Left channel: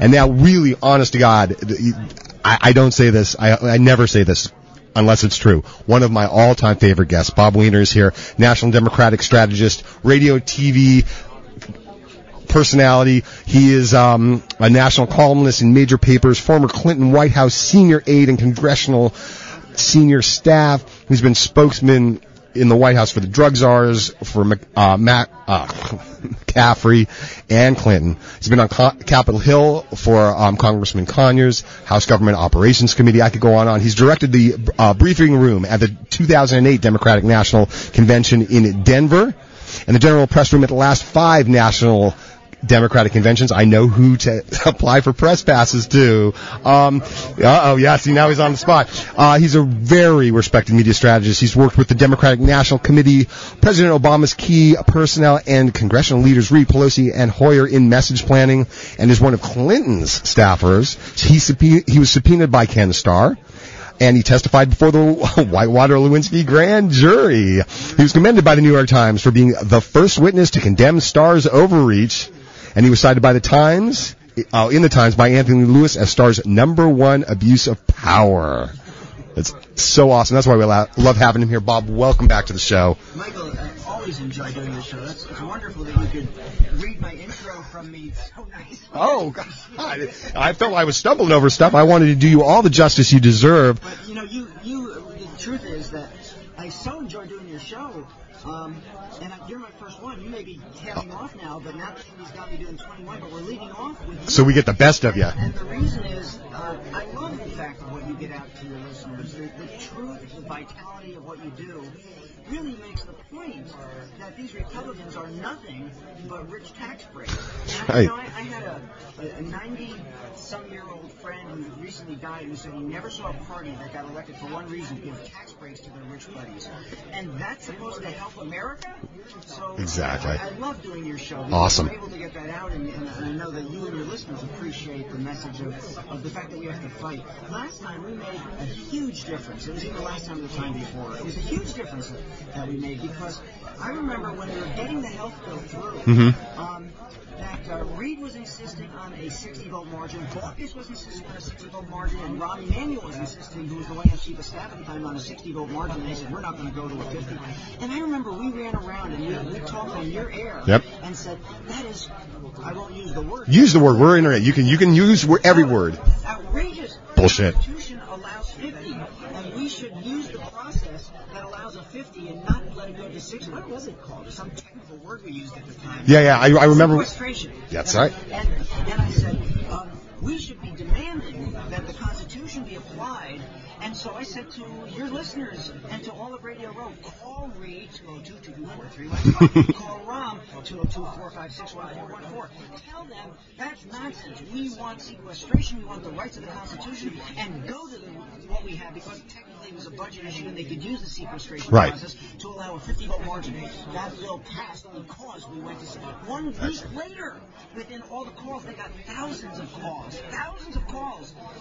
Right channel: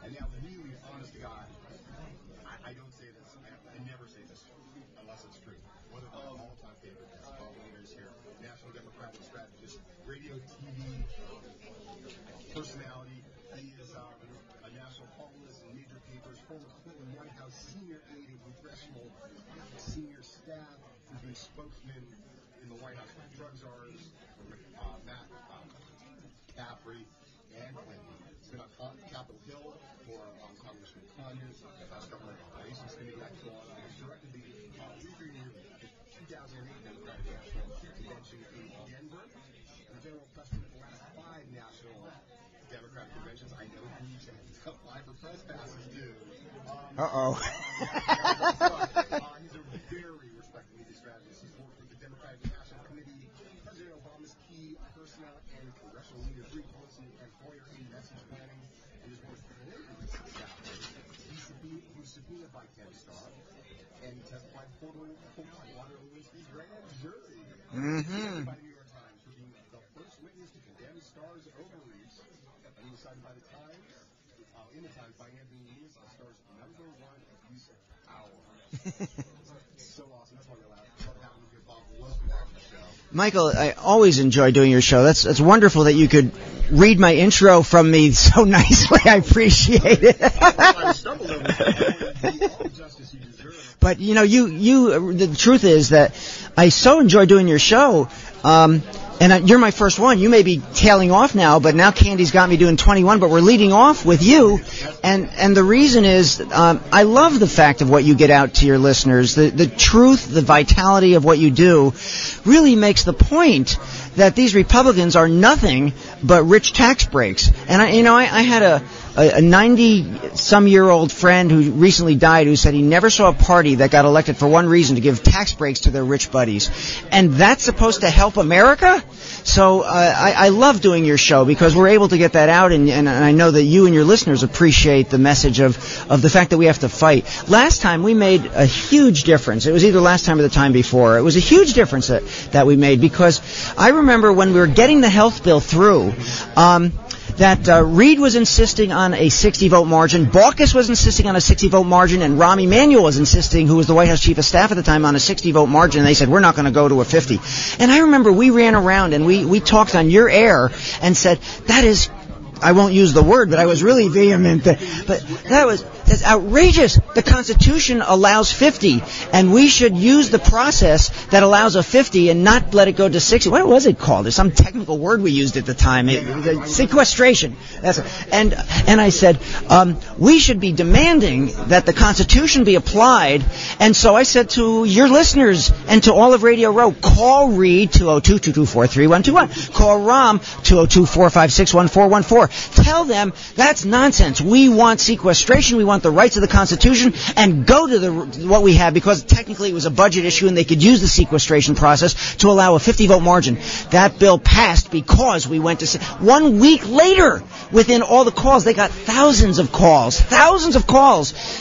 And now, really, honest to God, I don't say this, I never say this unless it's true. One of my all-time favorite guests, Bob Weiner, is here, National Democratic strategist, radio, TV personality. He is a national columnist in major papers, former Clinton White House senior aide and congressional senior staff. He's been spokesman in the White House for the drug czars, for McCaffrey and Clinton. He's been on Capitol Hill for Congressman Conyers, House Government Operations Committee. I could go on. He's directed the briefing room at the 2008 Democratic National Convention in Denver and the general press room at the last 5 national Democratic conventions. I know who to apply for press passes to. Yeah, see, now he's on the spot. He's a very respected media strategist. He's worked with the Democratic National Committee, President Obama's key personnel, and congressional leaders Reid, Pelosi, and Hoyer in message planning, and is one of Clinton's staffers. He was subpoenaed by Ken Starr, and he testified before the Whitewater-Lewinsky grand jury. He was commended by the New York Times for being the first witness to condemn Starr's overreach, and he was cited by the Times, in the Times, by Anthony Lewis as Starr's #1 abuse of power. It's so awesome. That's why we love having him here. Bob, welcome back to the show. Michael, I always enjoy doing your show. It's wonderful that you could read my intro from me so nicely. I appreciate it. I thought I was stumbling over stuff. I wanted to do you all the justice you deserve. But, the truth is that I so enjoy doing your show. And you're my first one. You may be tailing off now, but now Candy's got me doing 21, but we're leading off with you. So we get the best of you. And the reason is I love the fact of what you get out to your listeners. The truth, the vitality of what you do really makes the point that these Republicans are nothing but rich tax breaks. And, I had a 90-some-year-old friend who recently died who said he never saw a party that got elected for one reason, to give tax breaks to their rich buddies. And that's supposed to help America? So I love doing your show because we're able to get that out, and I know that you and your listeners appreciate the message of the fact that we have to fight. Last time we made a huge difference. It was either last time or the time before. It was a huge difference that we made because I remember when we were getting the health bill through, that Reid was insisting on a 60-vote margin, Baucus was insisting on a 60-vote margin, and Rahm Emanuel was insisting, who was the White House chief of staff at the time, on a 60-vote margin, and they said, we're not going to go to a 50. And I remember we ran around and we talked on your air and said, that is... I won't use the word, but use I was the word. really You can use every word. That's outrageous. The Bullshit. Constitution allows 50, and we should use the process that allows a 50 and not let it go to 60. What was it called? There's some technical word we used at the time. I remember. Sequestration. Yeah, that's right. And I said, we should be demanding that the Constitution be applied. And so I said to your listeners and to all of Radio Row, call Reid 202-224-3121. Call Rahm 202-456-1414. Tell them that's nonsense. We want sequestration. We want the rights of the Constitution, and go to what we have, because technically it was a budget issue and they could use the sequestration process to allow a 50-vote margin. That bill passed because we went to 1 week later. Within all the calls, they got thousands of calls.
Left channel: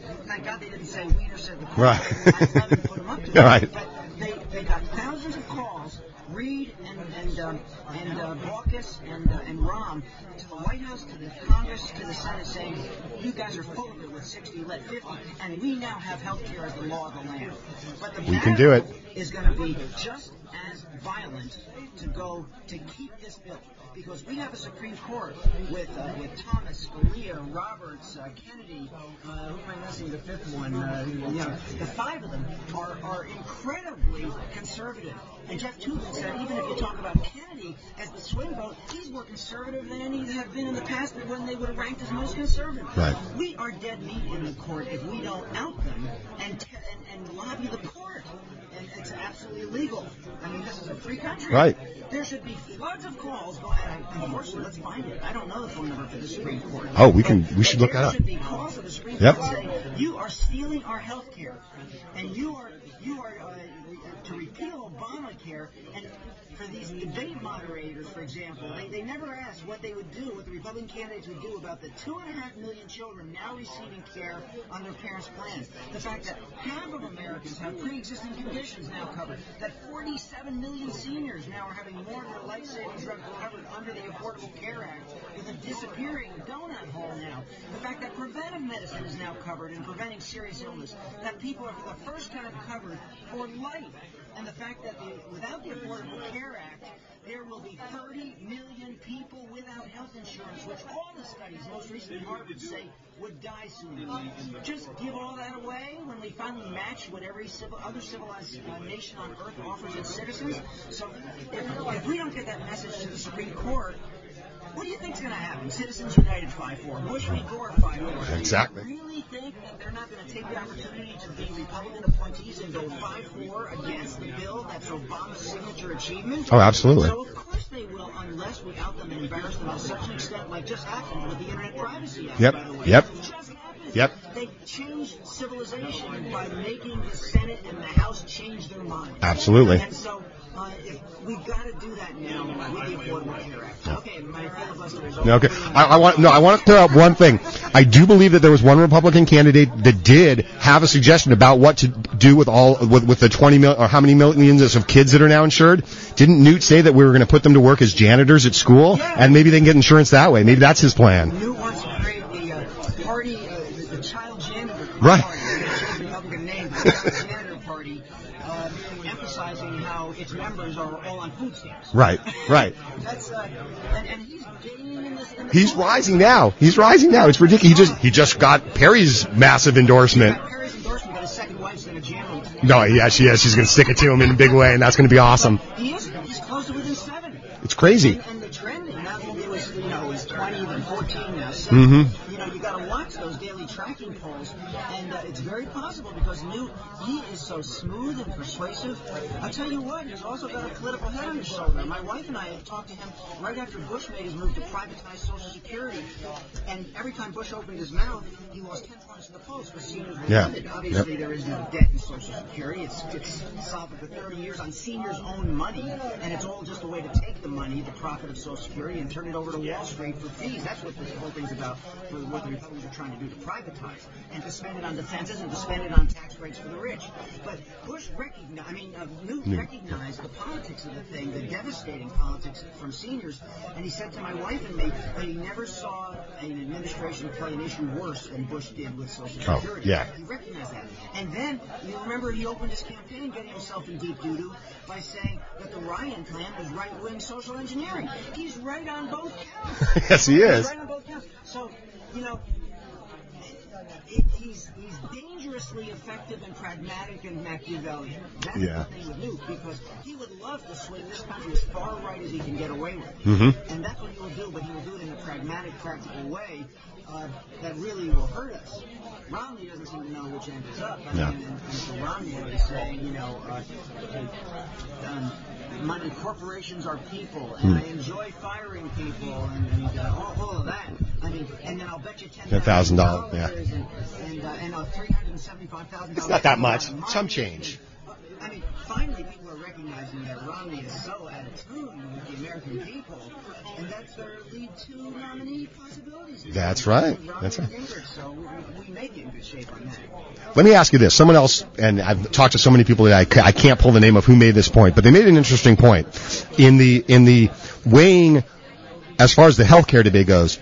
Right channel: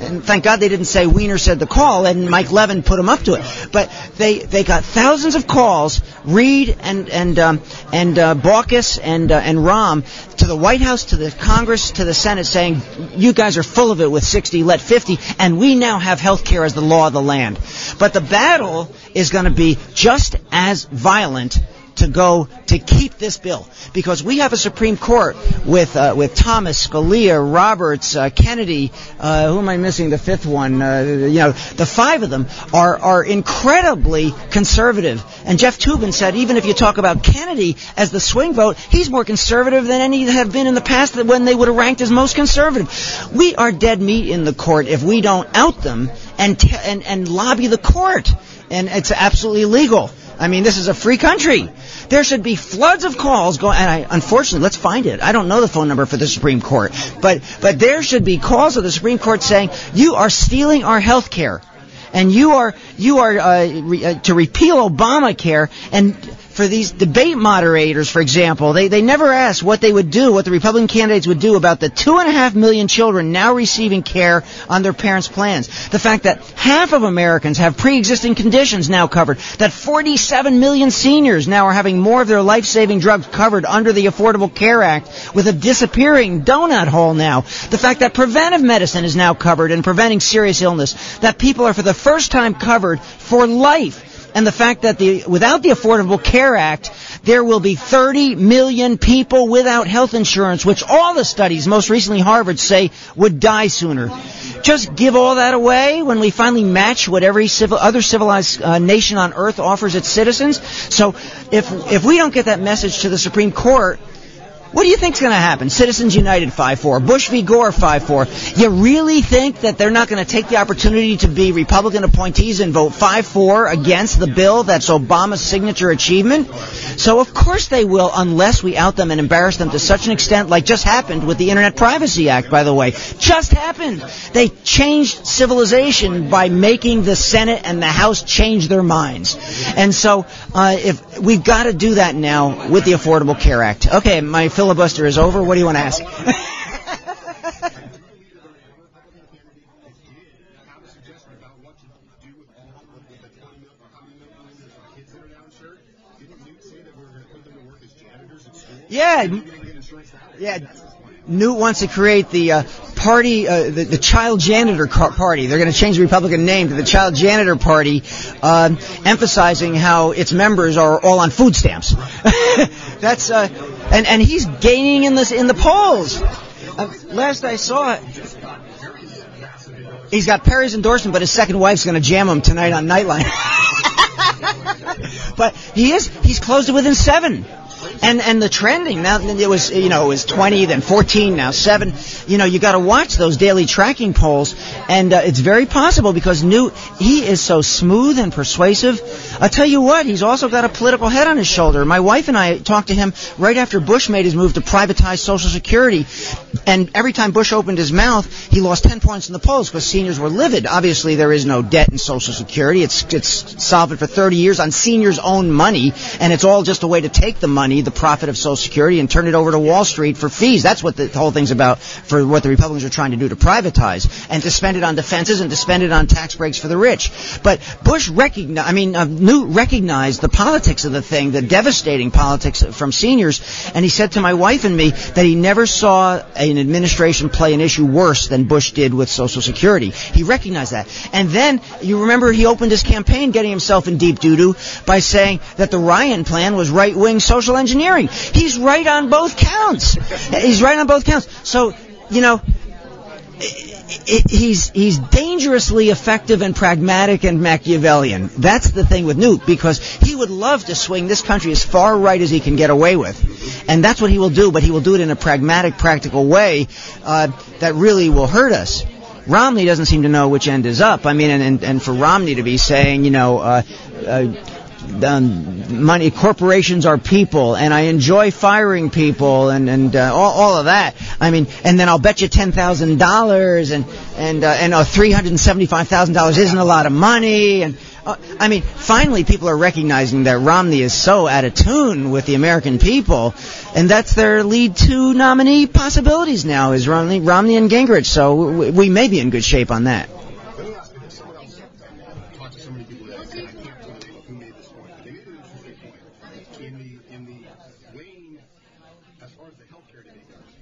And thank God they didn't say Weiner said the call and Mike Levin put them up to it. Right. But they got thousands of calls. Reid and Baucus and Rahm to the White House, to the Congress, to the Senate, saying, you guys are full of it with 60, let 50, and we now have health care as the law of the land. But the battle is going to be just as violent to keep this bill, because we have a Supreme Court with Thomas, Scalia, Roberts, Kennedy. Who am I missing? The fifth one. The 5 of them are incredibly conservative. And Jeff Toobin said, even if you talk about Kennedy as the swing vote, he's more conservative than any that have been in the past when they would have ranked as most conservative. Right. We are dead meat in the court if we don't out them and lobby the court. And it's absolutely illegal. I mean, this is a free country. Right. There should be floods of calls going. And unfortunately, let's find it. I don't know the phone number for the Supreme Court. But there should be calls of the Supreme Court saying, you are stealing our health care. And you are to repeal Obamacare and for these debate moderators, for example, they never asked what they would do, what the Republican candidates would do about the 2.5 million children now receiving care on their parents' plans. The fact that half of Americans have pre-existing conditions now covered, that 47 million seniors now are having more of their life-saving drugs covered under the Affordable Care Act with a disappearing donut hole now. The fact that preventive medicine is now covered and preventing serious illness, that people are for the first time covered for life. And the fact that without the Affordable Care Act, there will be 30 million people without health insurance, which all the studies, most recently Harvard, say would die sooner. Just give all that away when we finally match what every other civilized nation on earth offers its citizens. So if we don't get that message to the Supreme Court, what do you think's going to happen? Citizens United 5-4, Bush v. Gore 5-4. You really think that they're not going to take the opportunity to be Republican appointees and vote 5-4 against the bill that's Obama's signature achievement? Oh, absolutely. So of course they will, unless we out them and embarrass them to such an extent, like just happened with the Internet Privacy Act, by the way. Just happened. They changed civilization by making the Senate and the House change their minds. Absolutely. And so if we've got to do that now with the Affordable Care Act. Okay, my filibuster is over. Okay. What do you want to ask? I want to clear up one thing. I do believe that there was one Republican candidate that did have a suggestion about what to do with the 20 million or how many millions of kids that are now insured. Didn't Newt say that we were going to put them to work as janitors at school? Yeah. And maybe they can get insurance that way. Maybe that's his plan. Newt wants to create the party, the Child Janitor Party. They're going to change the Republican name to the Child Janitor Party, emphasizing how its members are all on food stamps. Right. That's and he's gaining in the polls. He's rising now. It's ridiculous. He just got Perry's massive endorsement. He's got Perry's endorsement, but his second wife's going to jam him tonight on Nightline. Yes, she's going to stick it to him in a big way, and that's going to be awesome. But he's closed it within 7. It's crazy. And the trending now, it was 20, then 14, now 7. Mm-hmm. You got to watch those daily tracking polls, and it's very possible because Newt, he is so smooth and persuasive. I'll tell you what, he's also got a political head on his shoulder. My wife and I talked to him right after Bush made his move to privatize Social Security, and every time Bush opened his mouth, he lost 10 points in the polls because seniors were livid. Obviously, there is no debt in Social Security. It's solvent for 30 years on seniors' own money, and it's all just a way to take the money, the profit of Social Security, and turn it over to Wall Street for fees. That's what the whole thing's about, for what the Republicans are trying to do, to privatize, and to spend it on defenses and to spend it on tax breaks for the rich. But Newt recognized the politics of the thing, the devastating politics from seniors, and he said to my wife and me that he never saw an administration play an issue worse than Bush did with Social Security. He recognized that. And then, you remember, he opened his campaign getting himself in deep doo-doo by saying that the Ryan plan was right-wing social engineering. He's right on both counts. Yes, he's right on both counts. So, he's dangerously effective and pragmatic and Machiavellian. That's the thing with Newt, because he would love to swing this country as far right as he can get away with. Mm-hmm. And that's what he will do, but he will do it in a pragmatic, practical way that really will hurt us. Romney doesn't seem to know which end is up. I mean, and for Romney to be saying, money, corporations are people, and I enjoy firing people, and all of that. I mean, and then I'll bet you $10,000, and $375,000 isn't a lot of money, and I mean, finally people are recognizing that Romney is so out of tune with the American people, and that's their lead two nominee possibilities now, is Romney and Gingrich. So we may be in good shape on that. Let me ask you this. Someone else, and I've talked to so many people that I can't pull the name of who made this point, but they made an interesting point. In the weighing, as far as the health care debate goes,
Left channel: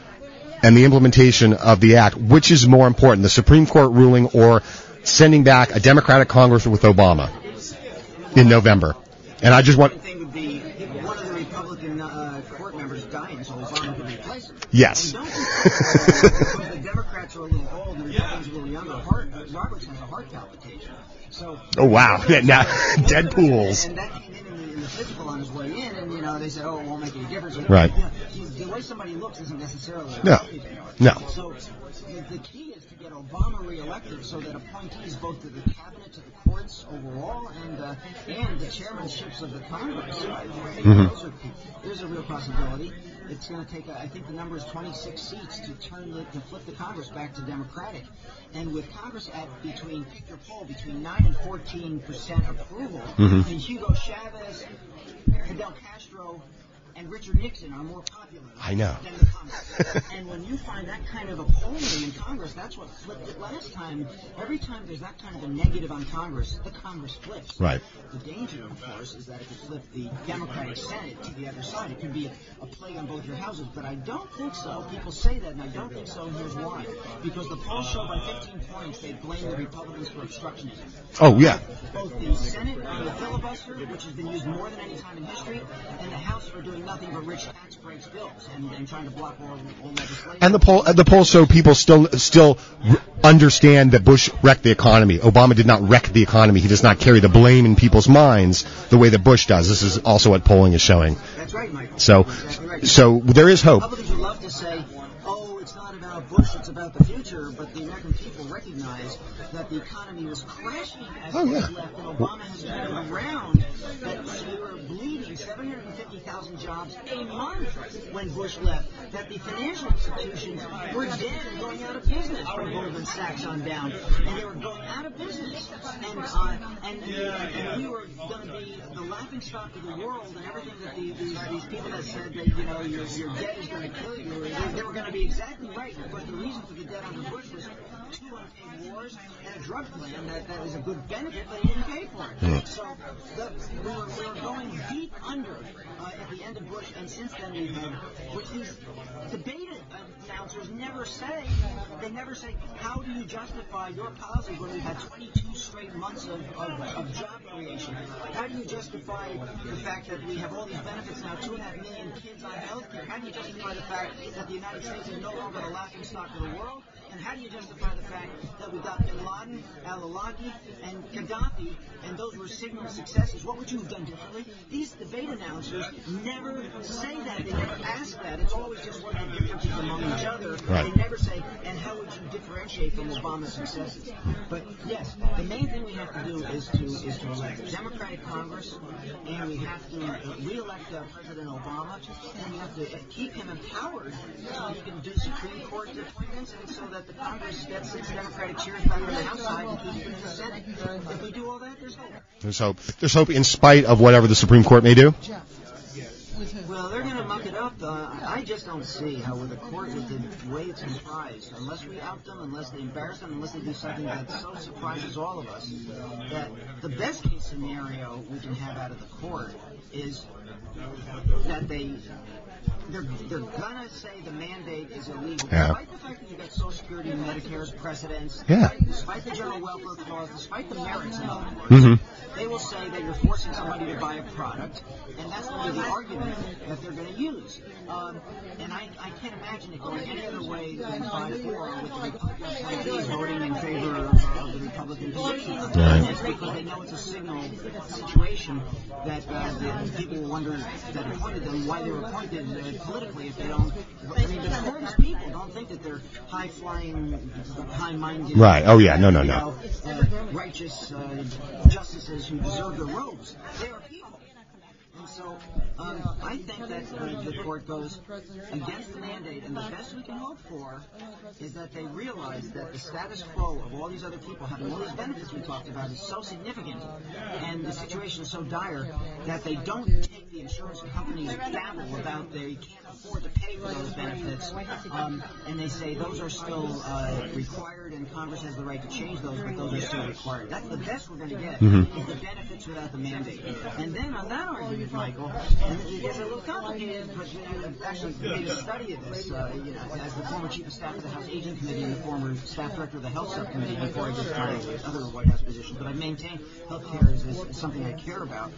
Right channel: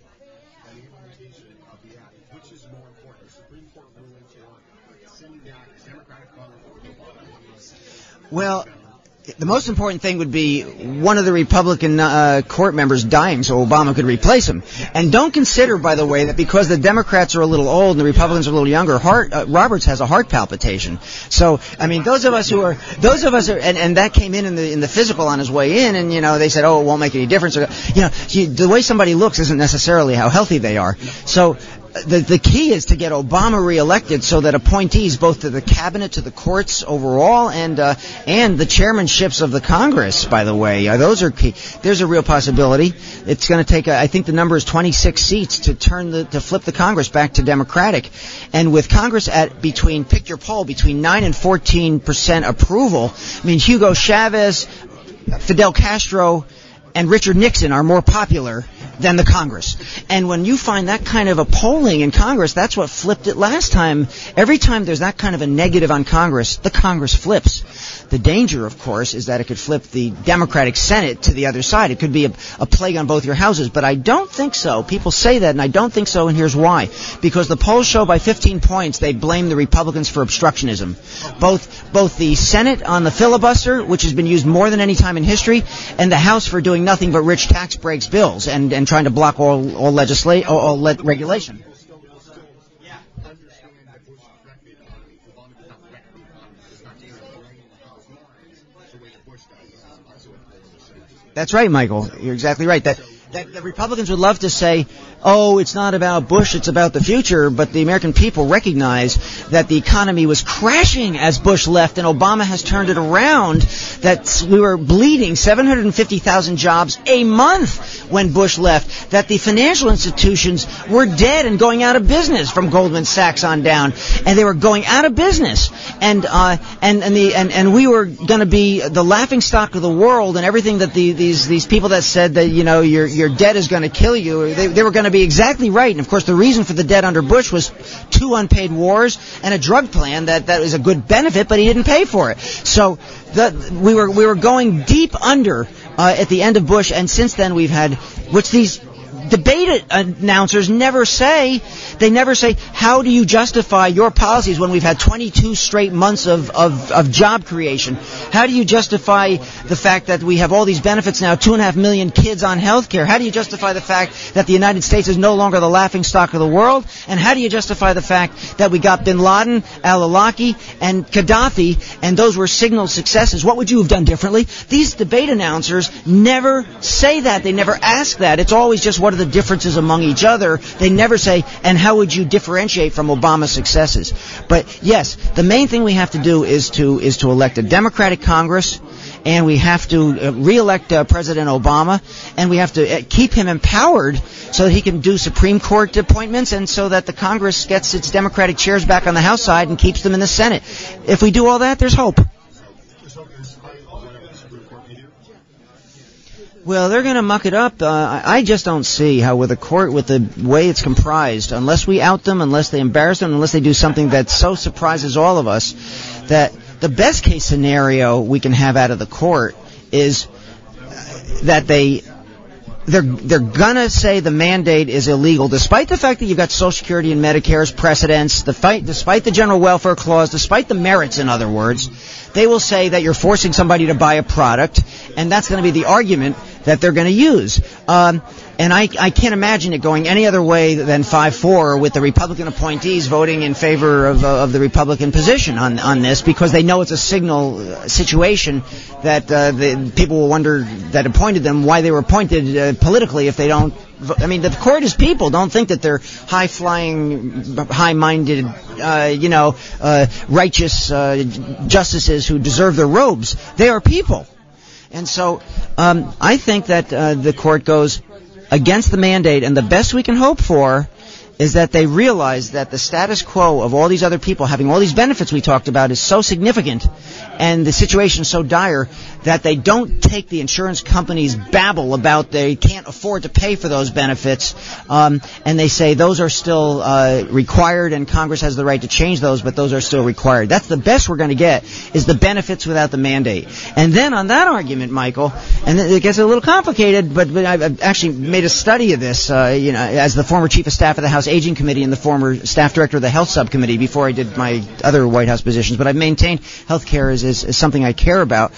and the implementation of the act, which is more important, the Supreme Court ruling or sending back a Democratic Congress with Obama in November? The most important thing would be one of the Republican court members dying so Obama could replace him. Yes. And don't consider, by the way, that because the Democrats are a little old and the Republicans are a little younger, Roberts has a heart palpitation. So, those of us and that came in the physical on his way in, and, they said, it won't make any difference. Right. The way somebody looks isn't necessarily how healthy they are. No. So, the key is to get Obama reelected so that appointees both to the cabinet, to the courts overall, and the chairmanships of the Congress, by the way, those are key. There's a real possibility. It's going to take, I think the number is 26 seats to flip the Congress back to Democratic, and with Congress at pick your poll, between 9 and 14% approval. Mm-hmm. I mean, Hugo Chavez, Fidel Castro and Richard Nixon are more popular than the Congress. And when you find that kind of a polling in Congress, that's what flipped it last time. Every time there's that kind of a negative on Congress, the Congress flips. Right. The danger, of course, is that it could flip the Democratic Senate to the other side. It could be a plague on both your houses. But I don't think so. People say that, and I don't think so, and here's why. Because the polls show by 15 points they blame the Republicans for obstructionism. Oh, yeah. Both the Senate on the filibuster, which has been used more than any time in history, and the House for doing nothing but rich tax breaks bills and trying to block all legislation. And the polls show people still understand that Bush wrecked the economy. Obama did not wreck the economy. He does not carry the blame in people's minds the way that Bush does. This is also what polling is showing. That's right, Michael. So, you're exactly right. So there is hope. Republicans would love to say, oh, it's not about Bush, it's about the future, but the American people recognize that the economy was crashing as Bush left, and Obama has turned it around, that we were bleeding 750,000 jobs a month when Bush left, that the financial institutions were dead and going out of business from Goldman Sachs on down, and they were going out of business, and we were going to be the laughingstock of the world, and everything that these people that said that, you know, your debt is going to kill you, they were going to be exactly right. And of course the reason for the debt under Bush was 2 unpaid wars and a drug plan that was a good benefit, but he didn't pay for it. So we were going deep under at the end of Bush, and since then we've had, which these debate announcers never say. They never say, how do you justify your policies when we've had 22 straight months of job creation? How do you justify the fact that we have all these benefits now, 2.5 million kids on health care? How do you justify the fact that the United States is no longer the laughingstock of the world? And how do you justify the fact that we got bin Laden, al-Awlaki, and Gaddafi, and those were signal successes? What would you have done differently? These debate announcers never say that. They never ask that. It's always just what are the differences among each other. Right. They never say, and how would you differentiate from Obama's successes? But yes, the main thing we have to do is to elect a Democratic Congress, and we have to re-elect President Obama, and we have to keep him empowered so that he can do Supreme Court appointments, and so that the Congress gets its Democratic chairs back on the House side and keeps them in the Senate. If we do all that, there's hope. There's hope. There's hope in spite of whatever the Supreme Court may do? Well, they're going to muck it up. I just don't see how with a court, with the way it's comprised, unless we out them, unless they embarrass them, unless they do something that so surprises all of us, that the best case scenario we can have out of the court is that they're gonna say the mandate is illegal, despite the fact that you've got Social Security and Medicare as precedents, despite the General Welfare Clause, despite the merits, in other words. They will say that you're forcing somebody to buy a product, and that's going to be the argument that they're going to use. And I can't imagine it going any other way than 5-4 with the Republican appointees voting in favor of the Republican position on this, because they know it's a signal situation that the people will wonder that appointed them why they were appointed politically if they don't. I mean, the court is people. Don't think that they're high-flying, high-minded, right. Oh, yeah. Righteous justices who deserve their robes. They are people. And so I think that the court goes against the mandate, and the best we can hope for is that they realize that the status quo of all these other people having all these benefits we talked about is so significant, and the situation is so dire that they don't take the insurance companies' babble about they can't afford to pay for those benefits, and they say those are still required, and Congress has the right to change those, but those are still required. That's the best we're going to get, is the benefits without the mandate. And then on that argument, Michael, and it gets a little complicated, but I've actually made a study of this, as the former chief of staff of the House Aging Committee and the former staff director of the Health Subcommittee before I did my other White House positions, but I've maintained health care is something I care about.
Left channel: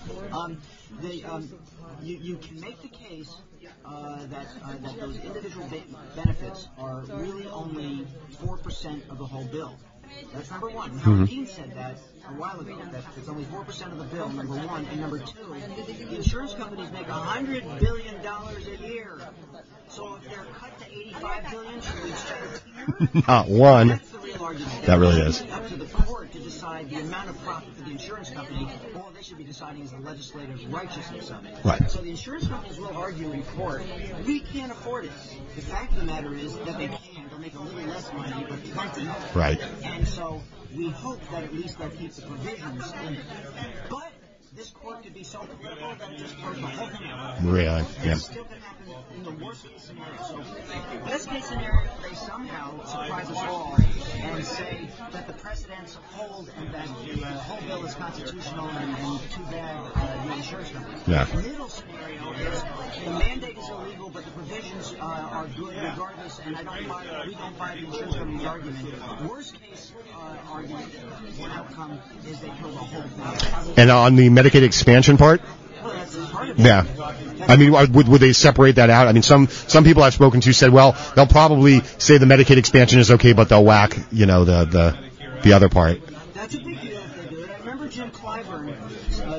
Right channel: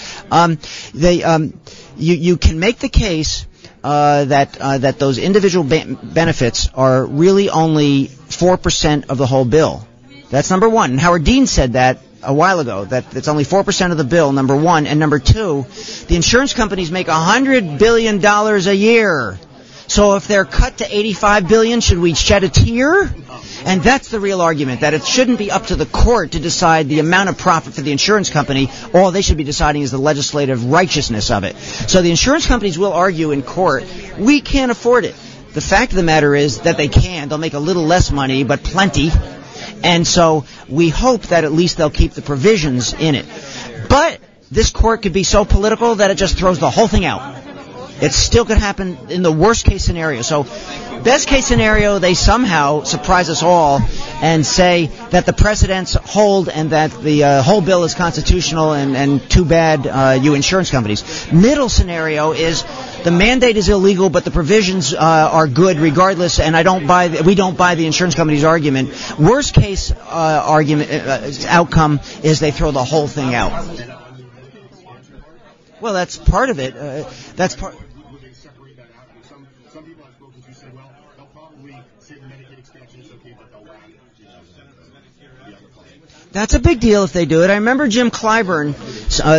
You can make the case that those individual benefits are really only 4% of the whole bill. That's number one. And Howard Dean said that a while ago, that it's only 4% of the bill, number one. And number two, the insurance companies make $100 billion a year. So if they're cut to $85 billion, should we shed a tear? And that's the real argument, that it really shouldn't be up to the court to decide the amount of profit for the insurance company. All they should be deciding is the legislative righteousness of it. Right. So the insurance companies will argue in court, we can't afford it. The fact of the matter is that they can. They'll make a little less money, but plenty. Right. And so we hope that at least they'll keep the provisions in it. But this court could be so political that it just throws the whole thing out. Really? It still could happen in the worst case scenario. So, best case scenario, they somehow surprise us all and say that the precedents hold and that the whole bill is constitutional and too bad you insurance companies. Yeah. Middle scenario is the mandate is illegal, but the provisions are good regardless, and we don't buy the insurance company's argument. Worst case outcome is they throw the whole thing out. And on the Medicaid expansion part? Well, that's part of it. Yeah. Would they separate that out? I mean, some people I've spoken to said, well, they'll probably say the Medicaid expansion is okay, but they'll whack, the other part. That's a big deal if they do it. I remember Jim Clyburn,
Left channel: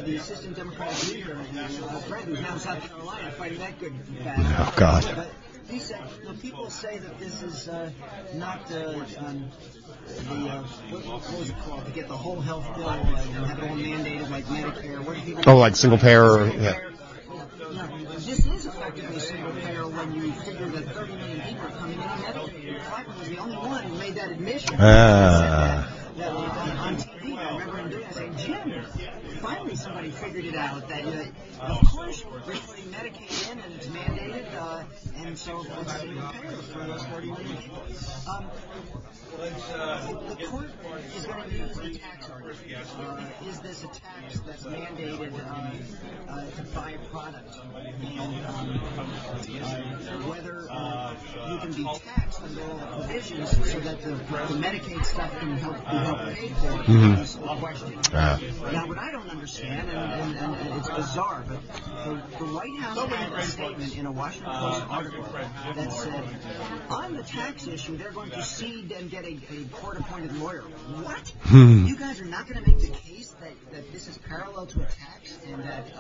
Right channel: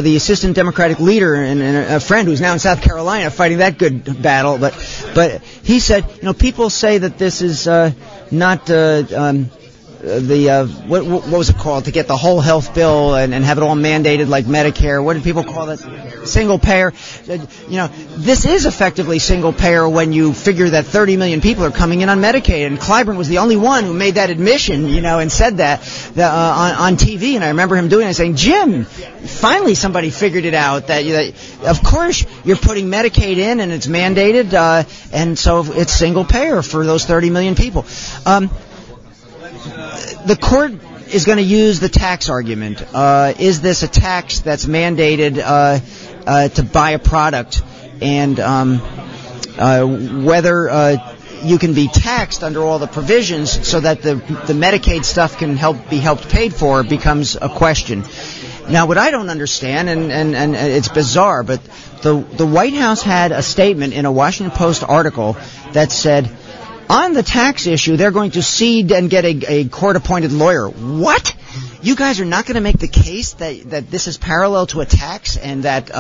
the assistant Democratic leader and a friend who's now in South Carolina fighting that good battle. But he said, people say that this is not what was it called, to get the whole health bill and have it all mandated like Medicare. What did people call it? Single payer. Single payer. This is effectively single payer when you figure that 30 million people are coming in on Medicaid, and Clyburn was the only one who made that admission, and said that on TV. And I remember him doing it and saying, Jim, finally somebody figured it out that of course you're putting Medicaid in and it's mandated, and so it's single payer for those 30 million people. The court is going to use the tax argument. Is this a tax that's mandated to buy a product, and whether you can be taxed under all the provisions so that the Medicaid stuff can be helped paid for becomes a question. Now, what I don't understand, and it's bizarre, but the White House had a statement in a Washington Post article that said, on the tax issue, they're going to cede and get a court-appointed lawyer. What? You guys are not going to make the case that this is parallel to a tax and that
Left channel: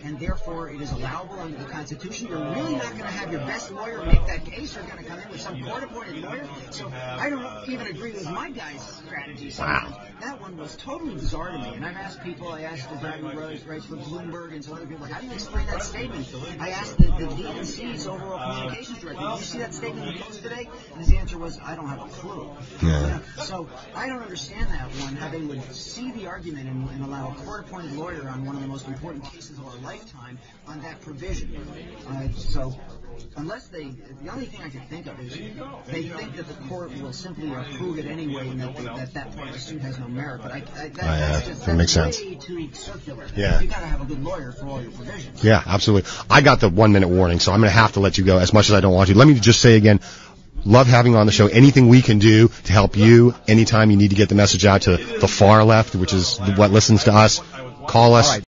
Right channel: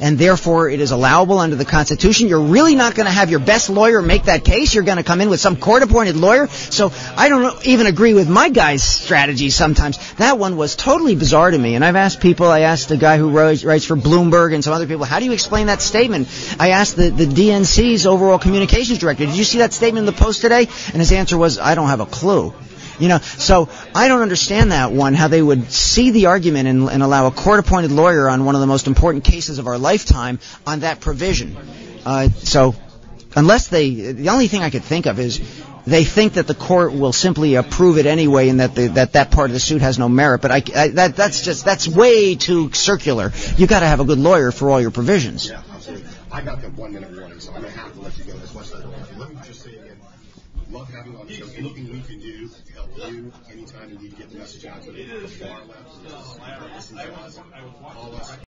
and therefore it is allowable under the Constitution? You're really not going to have your best lawyer make that case? You're going to come in with some court-appointed lawyer? So I don't even agree with my guy's strategy sometimes. That one was totally bizarre to me. And I've asked people, I asked the guy who writes for Bloomberg and some other people, how do you explain that statement? I asked the DNC's overall communications director, did you see that statement in the Post today? And his answer was, I don't have a clue. So I don't understand that one, how they would see the argument and allow a court-appointed lawyer on one of the most important cases of our lifetime on that provision. So unless the only thing I could think of is they think that the court will simply approve it anyway, and that part of the suit has no merit. But that's way too circular. Yeah. You got to have a good lawyer for all your provisions. Yeah, absolutely. I got the 1 minute warning, so I'm going to have to let you go as much as I don't want to. Let me just say again, love having you on the show. Anything we can do to help you, anytime you need to get the message out to the far left, which is what listens to us, call us.